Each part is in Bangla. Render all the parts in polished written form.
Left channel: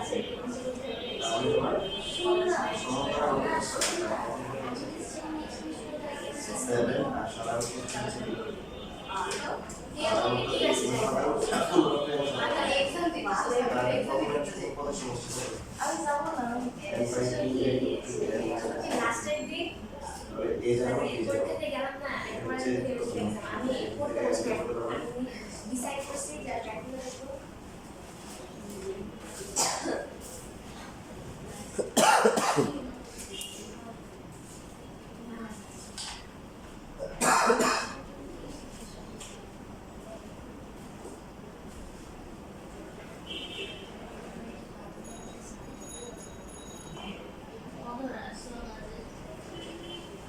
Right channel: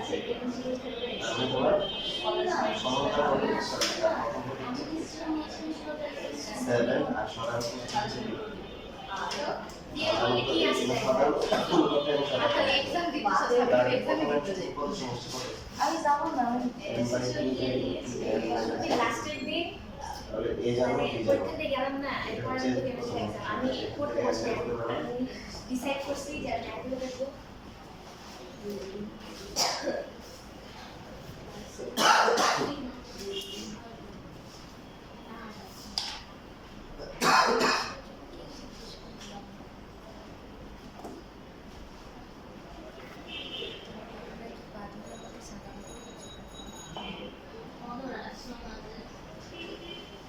আমি তোমার সমকার হবে 7 আর সরার হচ্ছে আমি যাবো না লাস্টের দিন এই জানো পরীক্ষাতে গেলাম না একবার আমি পড়তে বসে ডিসাইড করছি যে ট্রাইকুলো দেখবো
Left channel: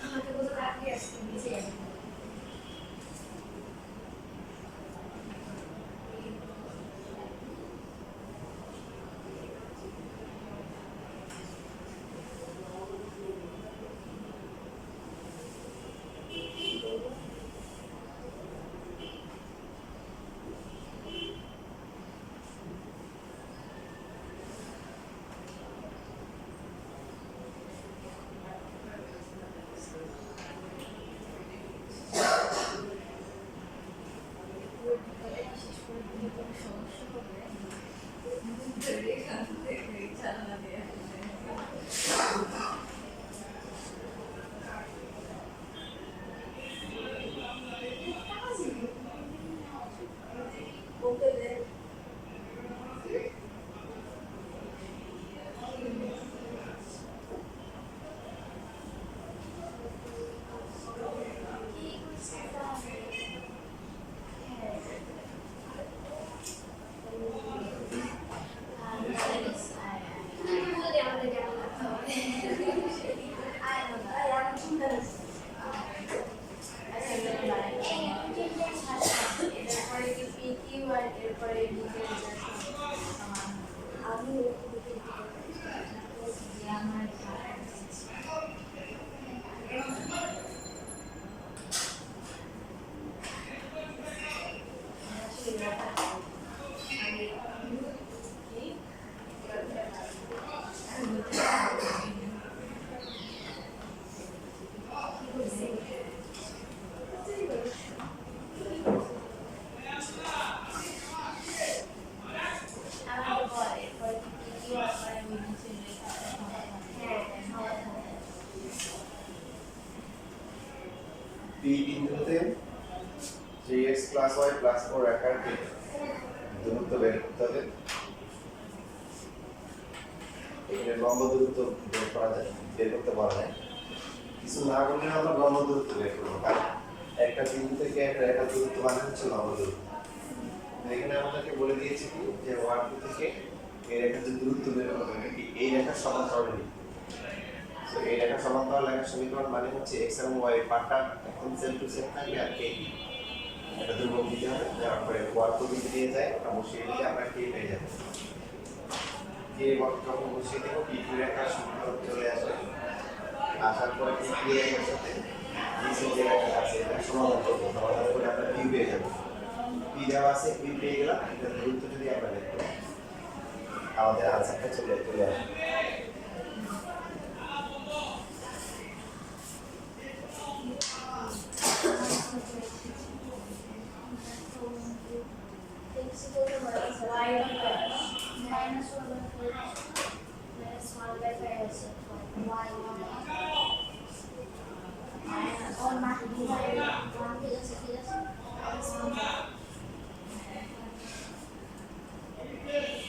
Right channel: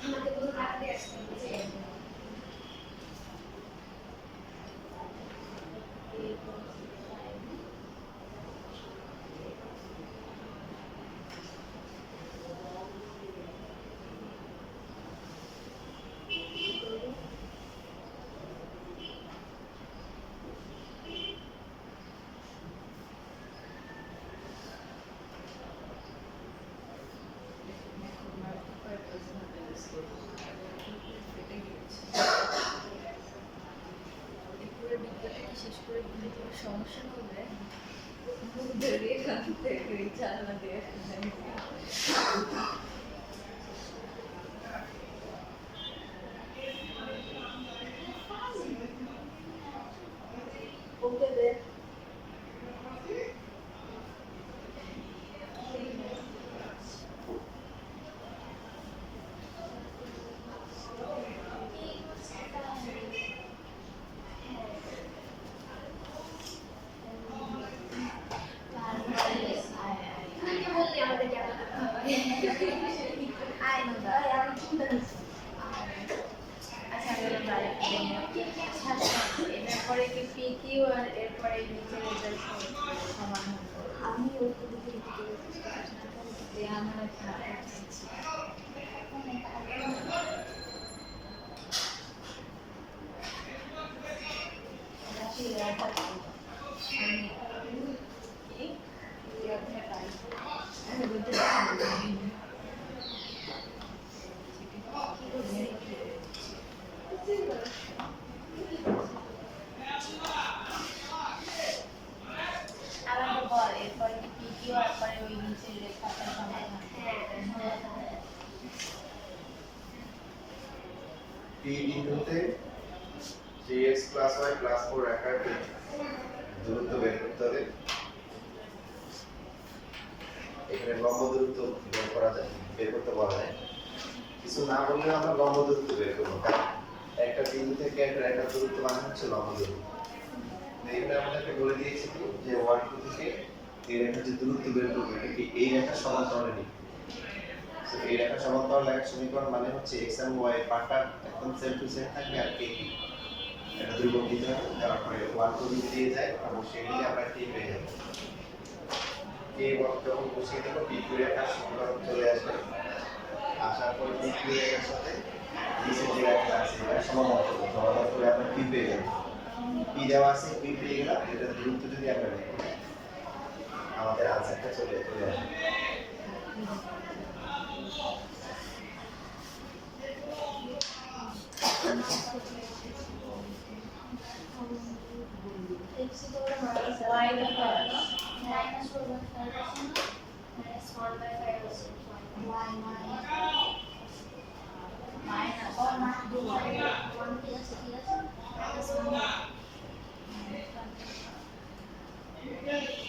আমাকে পুরো রাখতে আসছে বুঝে সমস্যা হবে ধরে কাঁদতে চালানা দিয়ে ওকে দে এরপরে কি পিকিউ আর এরপরে নিচে রেজাল্ট সমান আমি ওকে দেখে যে আমার আমাকে বল এরপরে কি পিকিউ আর পরে আমি নিচে রেজাল্ট সমান p বিন্দুতে 3x + y + 4 রেখার দূরত্ব বের করতে হবে এখানে লম্ব দূরত্ব বের করতে বলা যায় কিছু না বললে আমরা লম্ব দূরত্ব বের করব কারণ একটা বিন্দু থেকে একটা রেখার দূরত্ব মানে হচ্ছে লম্ব দূরত্ব এখানে আমাদেরকে বলে দিয়েছে কি যে 1 2 থেকে এই রেখার যে দূরত্ব বের করবে এটা কি এই রেখার সমান্তরালে নিবে তো এই রেখার সমান্তরাল রেখার সমীকরণ মানে হচ্ছে x এবং y এর পার্টটা একদম সেম টু সেম থাকবে আর k কি এটা ধ্রুবক দিতে হবে দেওয়ার পরে 1 তো দিতে দিয়ে যায় আর বসিয়ে দিলে আমরা k পেয়ে যাব k যখন বসিয়ে দেব p q রেখার সমীকরণ চলে আসবে আসার পরে p q রেখার সাথে নিচে যে রেখা আছে এটা সমাধান করব সমাধান করে আমরা q পেয়ে যাব p দেওয়া আছে q পেয়ে গেলাম এটা দূরত্ব যদি আমরা দেখি আমাদের আনসারটা চলে আসবে x equal to y number minus 4/5 minus 1/5 আছে y minus or not do y 1 ঠিক আছে minus 1